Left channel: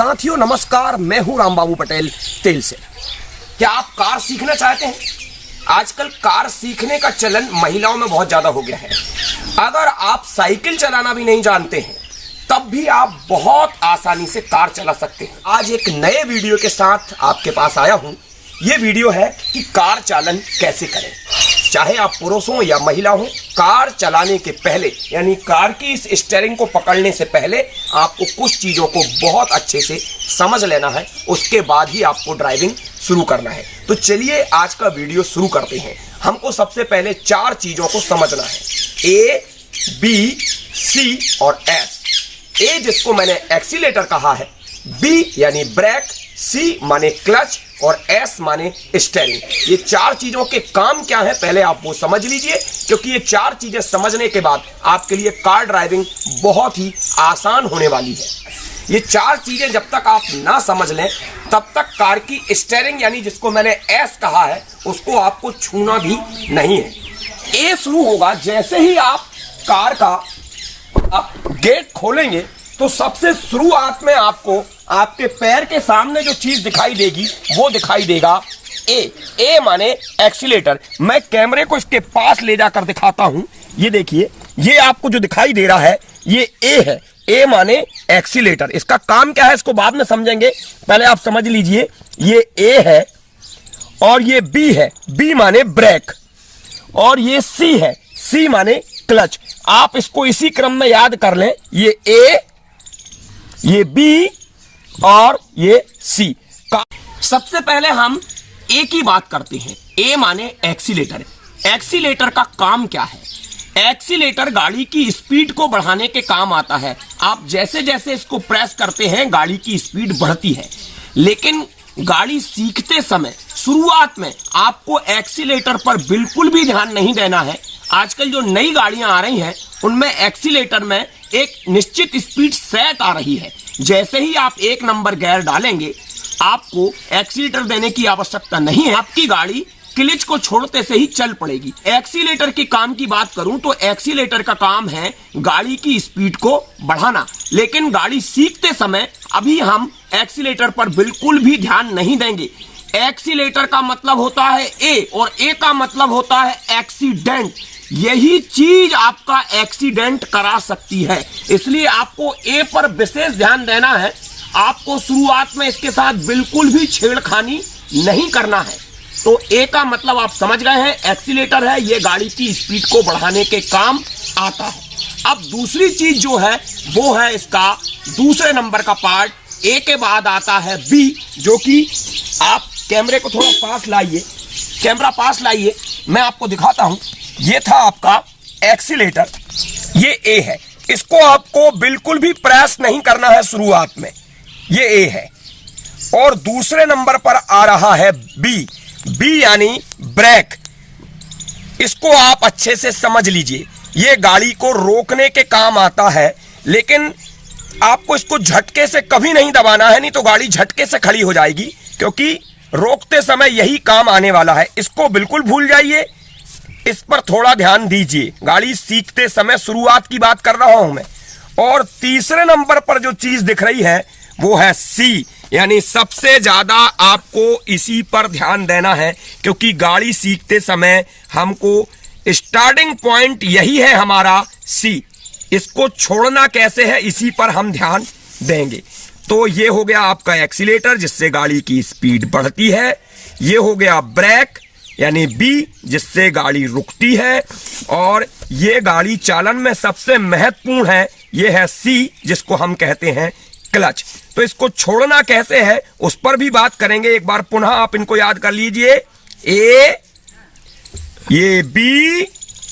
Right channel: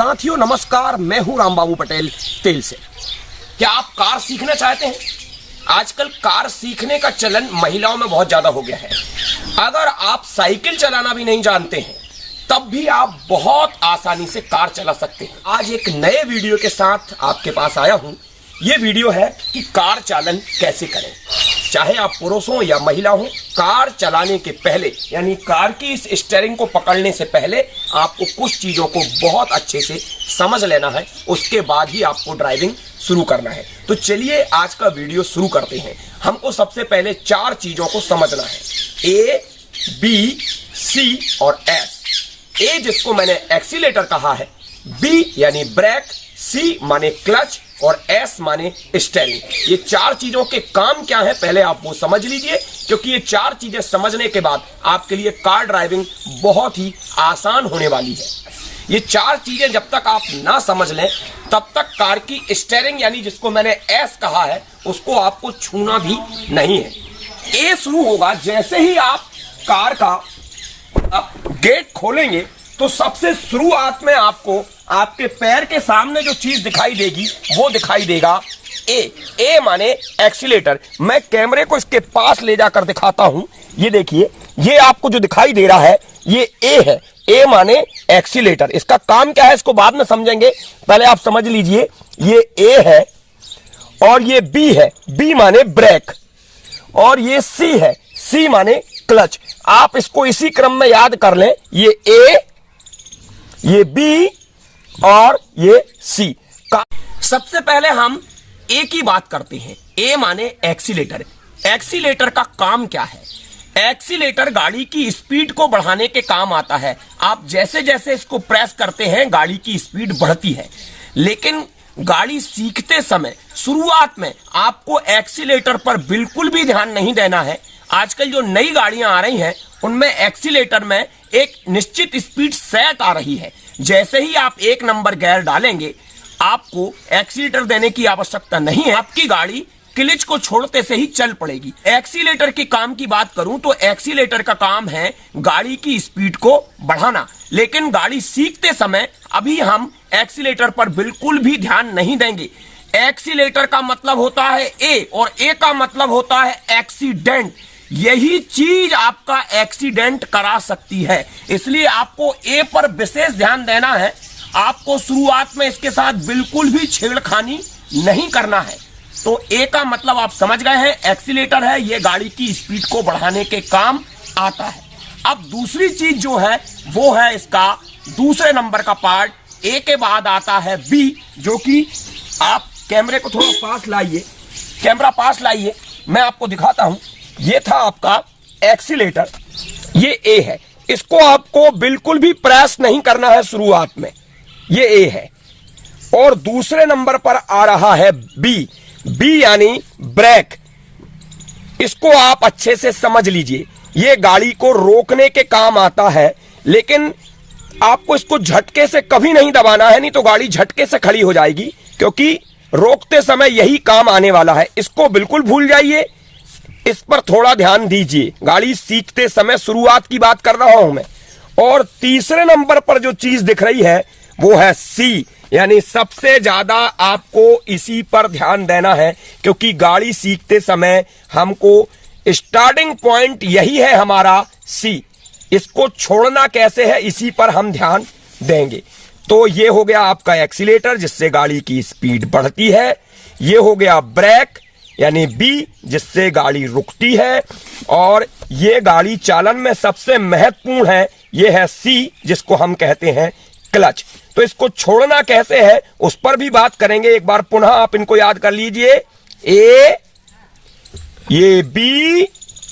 साथियों नमस्कार, मैं हूं रामबाबू पटेल तेल से। क्या आप कार सीखना चाहते हैं? आजकल कार सीखने का चलन महिलाओं में बहुत ज्यादा हो गया है। अगर आप साइकिल चलाना भी नहीं जानते हैं तब भी आप बहुत आसानी से कार चला सकते हैं। आज एक नए वीडियो के साथ आपके पास आया हूं। ये वीडियो है कि कार चालन कैसे करें। चाहे आप पुरुष हो या महिला हो, कार चलाने के पहले यानी कार की इस स्टीयरिंग को पकड़ने से पहले आपको कुछ चीजों को बहुत अच्छे से समझ लेना है, उसके बाद ही आपको ड्राइविंग शुरू करना है। तो चलिए आज का वीडियो शुरू करते हैं। हमको सबसे पहले 4 चीजों को समझना है, ए, बी, सी और एस। ए जिसको मैंने एक्सीलेटर कहा है, बी यानी ब्रेक, सी माने क्लच और एस माने स्टीयरिंग। ये 4 चीजों के काम क्या है पहले आप वो समझ लीजिए, क्योंकि ये 4 चीजें समझने के बाद आपके लिए कार ड्राइविंग बहुत ही आसान होने वाली है। ये 4 चीजें जब तक आप ना समझ लें तब तक कार की स्टीयरिंग यानी जिसको मैंने एस कहा है उसको आपको छूना भी नहीं है। ए शुरू होगा जैसे ही आप कार का गेट खोलेंगे तो सबसे शुरुआत में आपको आपके पैर के सामने जो चीज दिखाई देगी वो दिखाई देगा ए। ए माने एक्सीलेटर। मैं कैमरे को इसके पास ले जाकर दिखाता हूं। ये देखिए, ये आपको जो दिखाई दे रहा है ये ए है। ए माने एक्सीलेटर। इसका काम क्या है इसको बाद में समझेंगे, पहले आप समझ लीजिए। ये ए है और ये बी है, बी माने ब्रेक, और ये सी है, सी माने क्लच। आप इसको इसी क्रम में याद कर लें, ये ए, ये बी और ये सी। सबसे पहले हम ए की बात करते हैं। ए माने एक्सीलेटर। एक्सीलेटर का काम क्या है? एक्सीलेटर गाड़ी की स्पीड को बढ़ाने के काम आता है। आप जैसे जैसे इसको प्रेस करते हैं गाड़ी की स्पीड बढ़ती है, लेकिन गाड़ी सीखते समय शुरुआत में आपको एक्सीलेटर पर बिल्कुल भी ध्यान नहीं देना है। आजकल जो नई गाड़ियां आ रही हैं उनमें एक्सीलेटर में एक निश्चित स्पीड सेट आ रही है। जैसे ही आप 1 नंबर गियर डालेंगे आपको एक्सीलेटर देने की आवश्यकता नहीं है, आपकी गाड़ी क्लच को छोड़ते से ही चल पड़ेगी। एक्सीलेटर के काम की बात करूं तो एक्सीलेटर का काम है गाड़ी की स्पीड को बढ़ाना, लेकिन गाड़ी सीखते समय अभी हम एक्सीलेटर पर बिल्कुल भी ध्यान नहीं देंगे। एक्सीलेटर का मतलब होता है ए और ए का मतलब होता है एक्सीडेंट। यही चीज आपका एक्सीडेंट करा सकती है, इसलिए आपको ए पर विशेष ध्यान देना है। आपको शुरुआत में इसके साथ बिल्कुल भी छेड़खानी नहीं करना है। तो ए का मतलब आप समझ गए हैं, एक्सीलेटर है, ये गाड़ी की स्पीड को बढ़ाने के काम आता है। अब दूसरी चीज जो है वो है इसका दूसरे नंबर का पार्ट। ए के बाद आता है बी, जो कि आप कैमरे को थोड़ा पास लाइए, कैमरा पास लाइए, मैं आपको दिखाता हूं। ये था आपका एक्सीलेटर, ये ए है। इसको आपको बिल्कुल भी प्रेस नहीं करना है शुरुआत में, ये ए है। और दूसरे नंबर पर आ रहा है बी, बी यानी ब्रेक। इसको आप अच्छे से समझ लीजिए, ये गाड़ी को रोकने के काम आता है, लेकिन आपको इसको झटके से कभी नहीं दबाना है, नहीं तो गाड़ी झटके से खड़ी हो जाएगी, क्योंकि रोकते समय यही काम आने वाला है। इसको बिल्कुल भूल जाइए, इस पर थोड़ा ध्यान दीजिए। गाड़ी सीखते समय शुरुआत की बात कर रहा हूं मैं। और तीसरे नंबर पर जो चीज दिख रही है वो है सी, यानी सबसे ज्यादा आपको इसी पर ध्यान देना है, क्योंकि गाड़ी सीखते समय हमको स्टार्टिंग पॉइंट यही है हमारा सी। इसको छोड़ना कैसे है इसी पर हम ध्यान देंगे। तो ये हो गया आपका एक्सीलेटर जिससे गाड़ी की स्पीड बढ़ती है। ये हो गया ब्रेक यानी बी, जिससे गाड़ी रुकती है। और ये गाड़ी चालन में सबसे महत्वपूर्ण है, ये है सी, जिसको हम कहते हैं क्लच। तो इसको छोड़ना कैसे है उस पर भी बात करेंगे। एक बार पुनः आप इनको याद कर लीजिए, ए, ये बी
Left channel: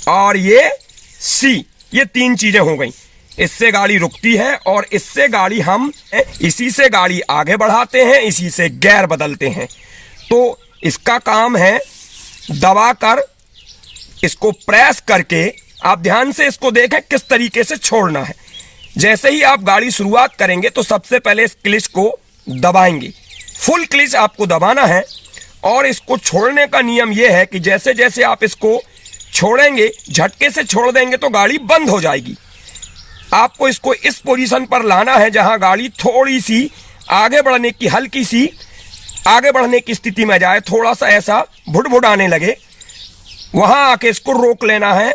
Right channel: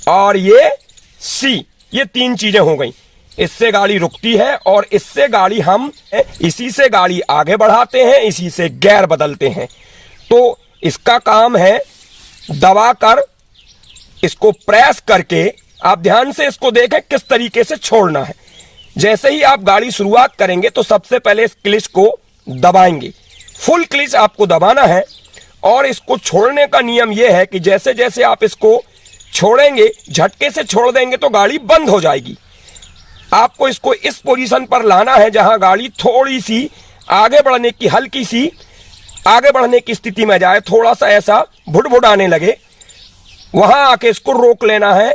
और ये सी, ये 3 चीजें हो गई। इससे गाड़ी रुकती है और इससे गाड़ी हम इसी से गाड़ी आगे बढ़ाते हैं, इसी से गियर बदलते हैं। तो इसका काम है दबाकर, इसको प्रेस करके, आप ध्यान से इसको देखें किस तरीके से छोड़ना है। जैसे ही आप गाड़ी शुरुआत करेंगे तो सबसे पहले इस क्लिच को दबाएंगे, फुल क्लिच आपको दबाना है। और इसको छोड़ने का नियम यह है कि जैसे जैसे आप इसको छोड़ेंगे, झटके से छोड़ देंगे तो गाड़ी बंद हो जाएगी। आपको इसको इस पोजीशन पर लाना है जहां गाड़ी थोड़ी सी आगे बढ़ने की हल्की सी आगे बढ़ने की स्थिति में जाए, थोड़ा सा ऐसा भुट आने लगे, वहां आके इसको रोक लेना है।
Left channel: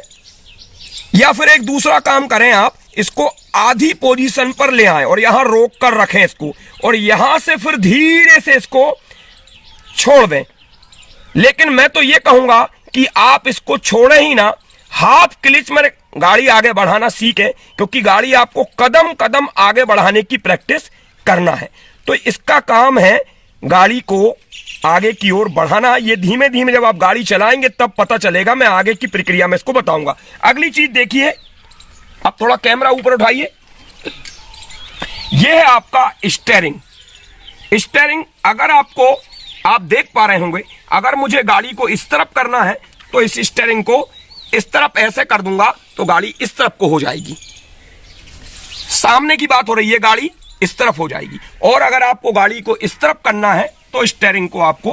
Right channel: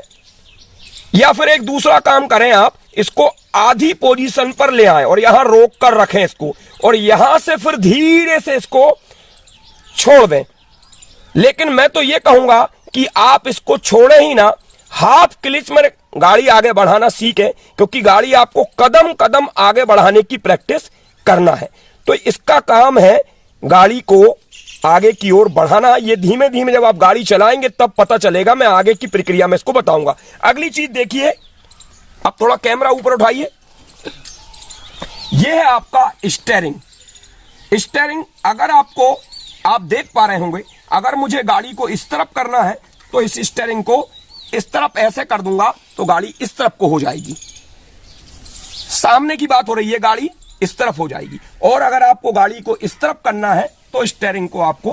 या फिर एक दूसरा काम करें, आप इसको आधी पोजीशन पर ले आए और यहां रोक कर रखें इसको, और यहां से फिर धीरे से इसको छोड़ दें। लेकिन मैं तो ये कहूंगा कि आप इसको छोड़े ही ना, हाफ क्लिच में गाड़ी आगे बढ़ाना सीखें, क्योंकि गाड़ी आपको कदम कदम आगे बढ़ाने की प्रैक्टिस करना है। तो इसका काम है गाड़ी को आगे की ओर बढ़ाना। ये धीमे धीमे जब आप गाड़ी चलाएंगे तब पता चलेगा, मैं आगे की प्रक्रिया में इसको बताऊंगा। अगली चीज देखिए, अब थोड़ा कैमरा ऊपर उठाइए, यह है आपका स्टीयरिंग। स्टीयरिंग अगर आप देख पा रहे होंगे, अगर मुझे गाड़ी को इस तरफ करना है तो इस स्टीयरिंग को इस तरफ ऐसे कर दूंगा तो गाड़ी इस तरफ को हो जाएगी। सामने की बात हो रही है, गाड़ी इस तरफ हो जाएगी। और अगर आपको गाड़ी को इस तरफ करना है तो स्टीयरिंग को आपको,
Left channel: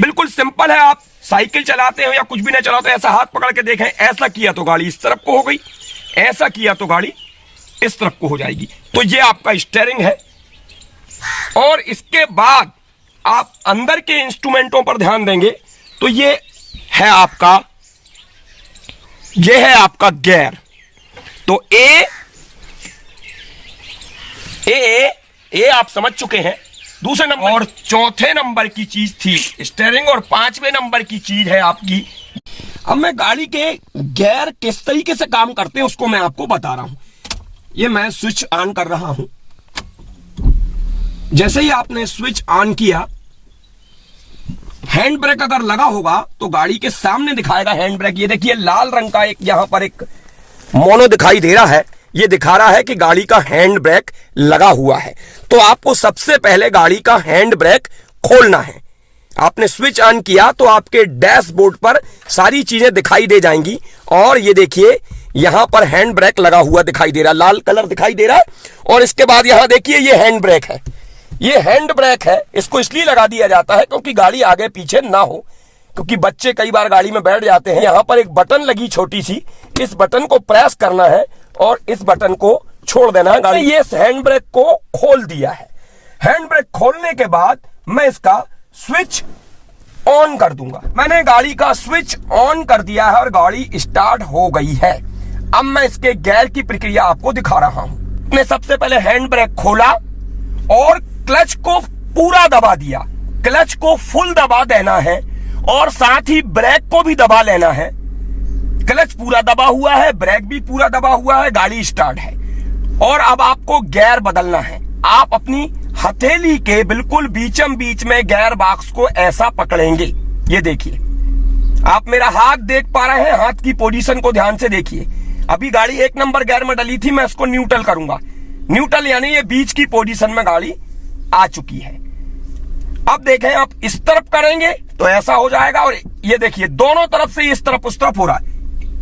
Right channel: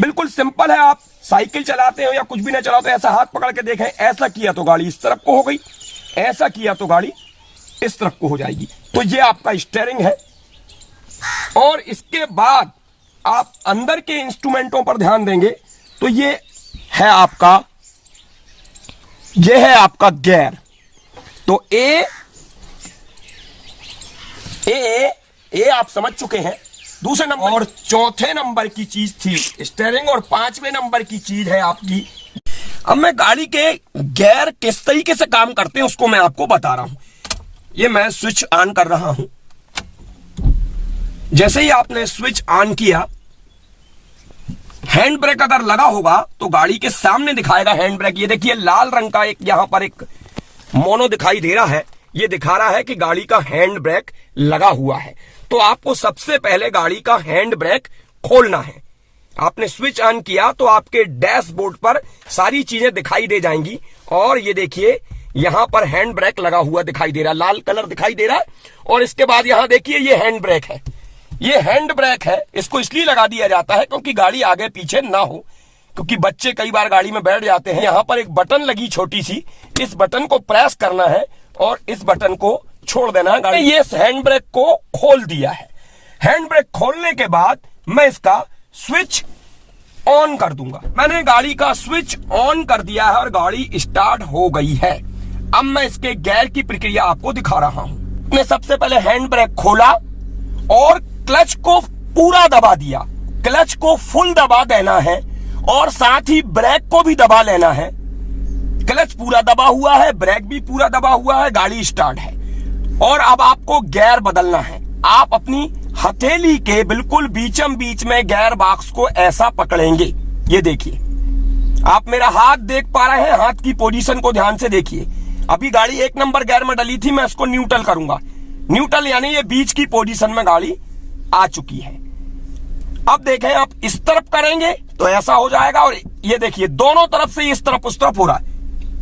बिल्कुल सिंपल है, आप साइकिल चलाते हो या कुछ भी नहीं चलाते, ऐसा हाथ पकड़ के देखें, ऐसा किया तो गाड़ी इस तरफ को हो गई, ऐसा किया तो गाड़ी इस तरफ को हो जाएगी। तो ये आपका स्टीयरिंग है। और इसके बाद आप अंदर के इंस्ट्रूमेंटों पर ध्यान देंगे तो ये है आपका गियर। तो ए आप समझ चुके हैं। दूसरे नंबर और चौथे नंबर की चीज थी स्टीयरिंग, और पांचवें नंबर की चीज है आपकी। अब मैं गाड़ी के गियर किस तरीके से काम करते हैं उसको मैं आपको बता रहा हूं। ये मैं स्विच ऑन कर रहा हूं। जैसे ही आपने स्विच ऑन किया, हैंड ब्रेक अगर लगा होगा तो गाड़ी के सामने दिखाएगा हैंड ब्रेक। ये देखिए लाल रंग का एक यहां पर एक मोनो दिखाई दे रहा है, ये दिखा रहा है कि गाड़ी का हैंड ब्रेक लगा हुआ है। तो आपको सबसे पहले गाड़ी का हैंड ब्रेक खोलना है। आपने स्विच ऑन किया तो आपके डैशबोर्ड पर सारी चीजें दिखाई दे जाएंगी, और ये देखिए यहां पर हैंड ब्रेक लगा हुआ दिखाई दे रहा, लाल कलर दिखाई दे रहा है। और इसके बाद यहां देखिए ये हैंड ब्रेक है, ये हैंड ब्रेक है। इसको इसलिए लगा दिया जाता है क्योंकि गाड़ी आगे पीछे ना हो, क्योंकि बच्चे कई बार गाड़ी में बैठ जाते हैं। यहां पर एक बटन लगी छोटी सी, इस बटन को प्रेस करना है और इस बटन को छोड़ देना है। गाड़ी ये हैंड ब्रेक को खोल दिया है। हैंड ब्रेक खोलने के बाद मैं इसका स्विच ऑन कर दूंगा। मैंने गाड़ी का स्विच ऑन कर दिया है और गाड़ी स्टार्ट हो गई है। अब मैं इसके गियर की प्रक्रिया आपको दिखा रहा हूं। मैं सबसे पहले हैंड ब्रेक खोला और क्लच को पूरा दबा दिया। क्लच को फुल दबा देना है और साथ ही ब्रेक को भी दबा लेना है। क्लच पूरा दबा हुआ है, ब्रेक भी पूरा दबा हुआ है, गाड़ी स्टार्ट है। और अब आपको गियर बदलना है। आप अपनी हथेली के बिल्कुल बीचम बीच में गियर बॉक्स को ऐसा पकड़ेंगे। ये देखिए, आप मेरा हाथ देख पा रहे हैं, हाथ की पोजीशन को ध्यान से देखिए। अभी गाड़ी 1 नंबर गियर में डली थी, मैं इसको न्यूट्रल करूंगा। न्यूट्रल यानी ये बीच की पोजीशन में गाड़ी आ चुकी है। अब देखें, आप इस तरफ करेंगे तो ऐसा हो जाएगा, और ये देखिए दोनों तरफ से इस तरफ उस तरफ हो रहा है,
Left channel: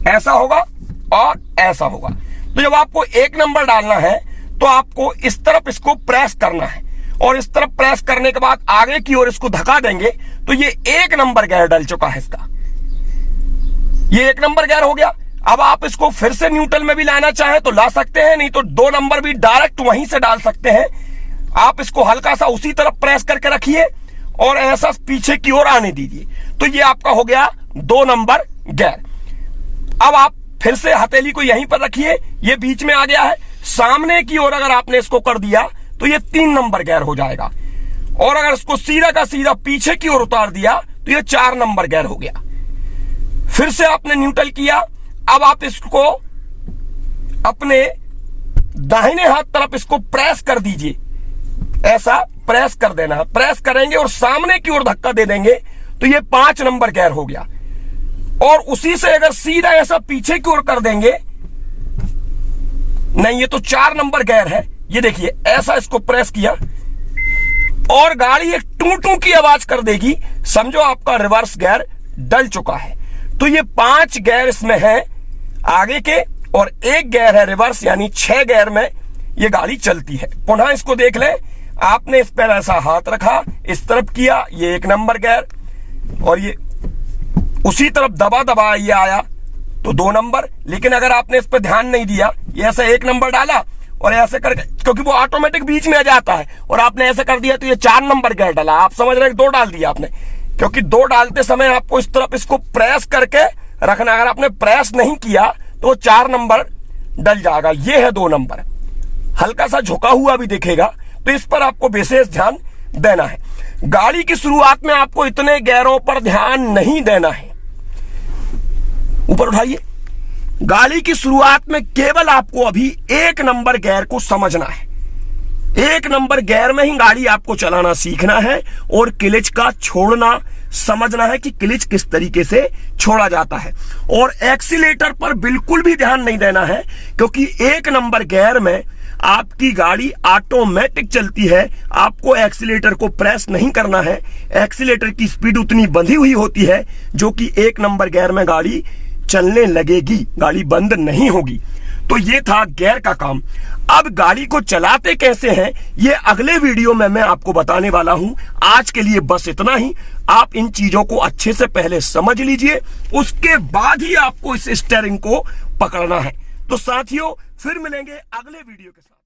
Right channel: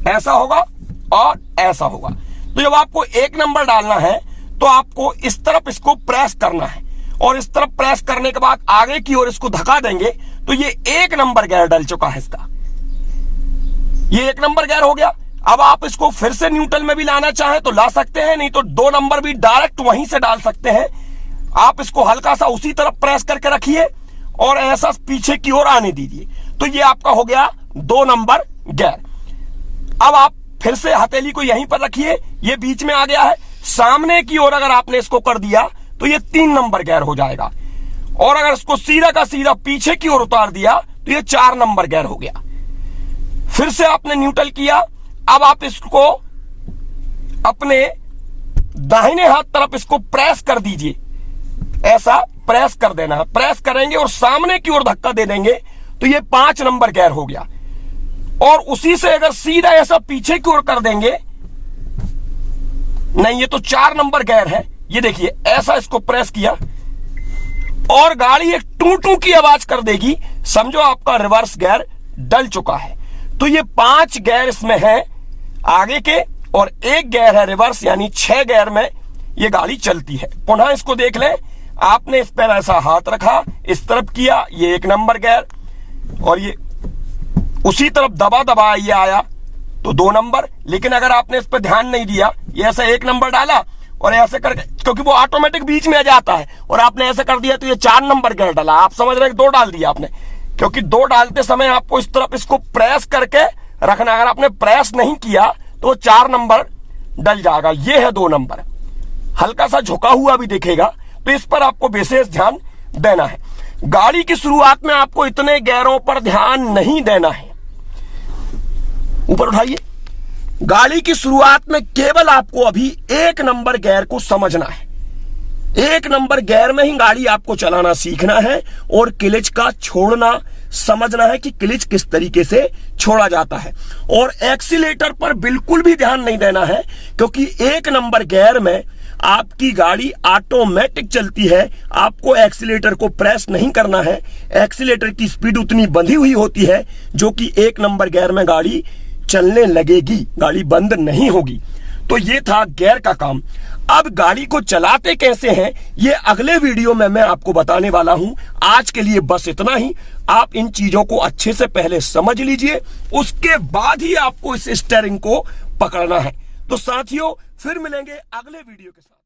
ऐसा होगा और ऐसा होगा। तो जब आपको 1 नंबर डालना है तो आपको इस तरफ इसको प्रेस करना है, और इस तरफ प्रेस करने के बाद आगे की ओर इसको धक्का देंगे तो ये 1 नंबर गियर डल चुका है इसका। ये 1 नंबर गियर हो गया। अब आप इसको फिर से न्यूट्रल में भी लाना चाहे तो ला सकते हैं, नहीं तो 2 नंबर भी डायरेक्ट वहीं से डाल सकते हैं। आप इसको हल्का सा उसी तरफ प्रेस करके रखिए और ऐसा पीछे की ओर आने दीजिए, तो ये आपका हो गया 2 नंबर गियर। अब आप फिर से हथेली को यहीं पर रखिए, ये बीच में आ गया है। सामने की ओर अगर आपने इसको कर दिया तो ये 3 नंबर गियर हो जाएगा, और अगर इसको सीधा का सीधा पीछे की ओर उतार दिया तो ये 4 नंबर गियर हो गया। फिर से आपने न्यूट्रल किया। अब आप इसको अपने दाहिने हाथ तरफ इसको प्रेस कर दीजिए, ऐसा प्रेस कर देना है। प्रेस करेंगे और सामने की ओर धक्का दे देंगे तो ये 5 नंबर गियर हो गया। और उसी से अगर सीधा ऐसा पीछे की ओर कर देंगे, नहीं ये तो 4 नंबर गियर है। ये देखिए ऐसा इसको प्रेस किया और गाड़ी एक टू टू की आवाज कर देगी, समझो आपका रिवर्स गियर डल चुका है। तो ये 5 गियर इसमें है आगे के और 1 गियर है रिवर्स, यानी 6 गियर में ये गाड़ी चलती है। पुनः इसको देख लें, आपने इस पर ऐसा हाथ रखा, इस तरफ किया, ये 1 नंबर गियर, और ये उसी तरफ दबा दबा ये आया तो 2 नंबर। लेकिन अगर आपने इस पर ध्यान नहीं दिया, ये ऐसा 1 नंबर डाला, और ऐसे करके, क्योंकि वो ऑटोमेटिक बीच में आ जाता है, और आपने ऐसे कर दिया तो ये 4 नंबर गियर डाला। आप समझ रहे हैं 2 डाल दिया आपने, क्योंकि 2 डालते समय आपको इस तरफ इसको प्रेस करके रखना। अगर आपने प्रेस नहीं किया तो 4 नंबर डल जाएगा। ये है 2 नंबर, हल्का सा झुका हुआ भी दिखेगा, तो इस पर आपको विशेष ध्यान देना है। गाड़ी की शुरुआत में आपको इतने गियरों पर ध्यान नहीं देना है। ऊपर उठाइए। गाड़ी की शुरुआत में केवल आपको अभी 1 नंबर गियर को समझना है। 1 नंबर गियर में ही गाड़ी आपको चलाना सीखना है, और क्लच का छोड़ना समझना है कि क्लच किस तरीके से छोड़ा जाता है। और एक्सीलेटर पर बिल्कुल भी ध्यान नहीं देना है, क्योंकि 1 नंबर गियर में आपकी गाड़ी ऑटोमेटिक चलती है। आपको एक्सीलेटर को प्रेस नहीं करना है। एक्सीलेटर की स्पीड उतनी बंधी हुई होती है जो कि 1 नंबर गियर में गाड़ी चलने लगेगी, गाड़ी बंद नहीं होगी। तो ये था गियर का काम। अब गाड़ी को चलाते कैसे हैं ये अगले वीडियो में मैं आपको बताने वाला हूं। आज के लिए बस इतना ही। आप इन चीजों को अच्छे से पहले समझ लीजिए, उसके बाद ही आपको इस स्टीयरिंग को पकड़ना है। तो साथियों, फिर मिलेंगे अगले वीडियो के साथ।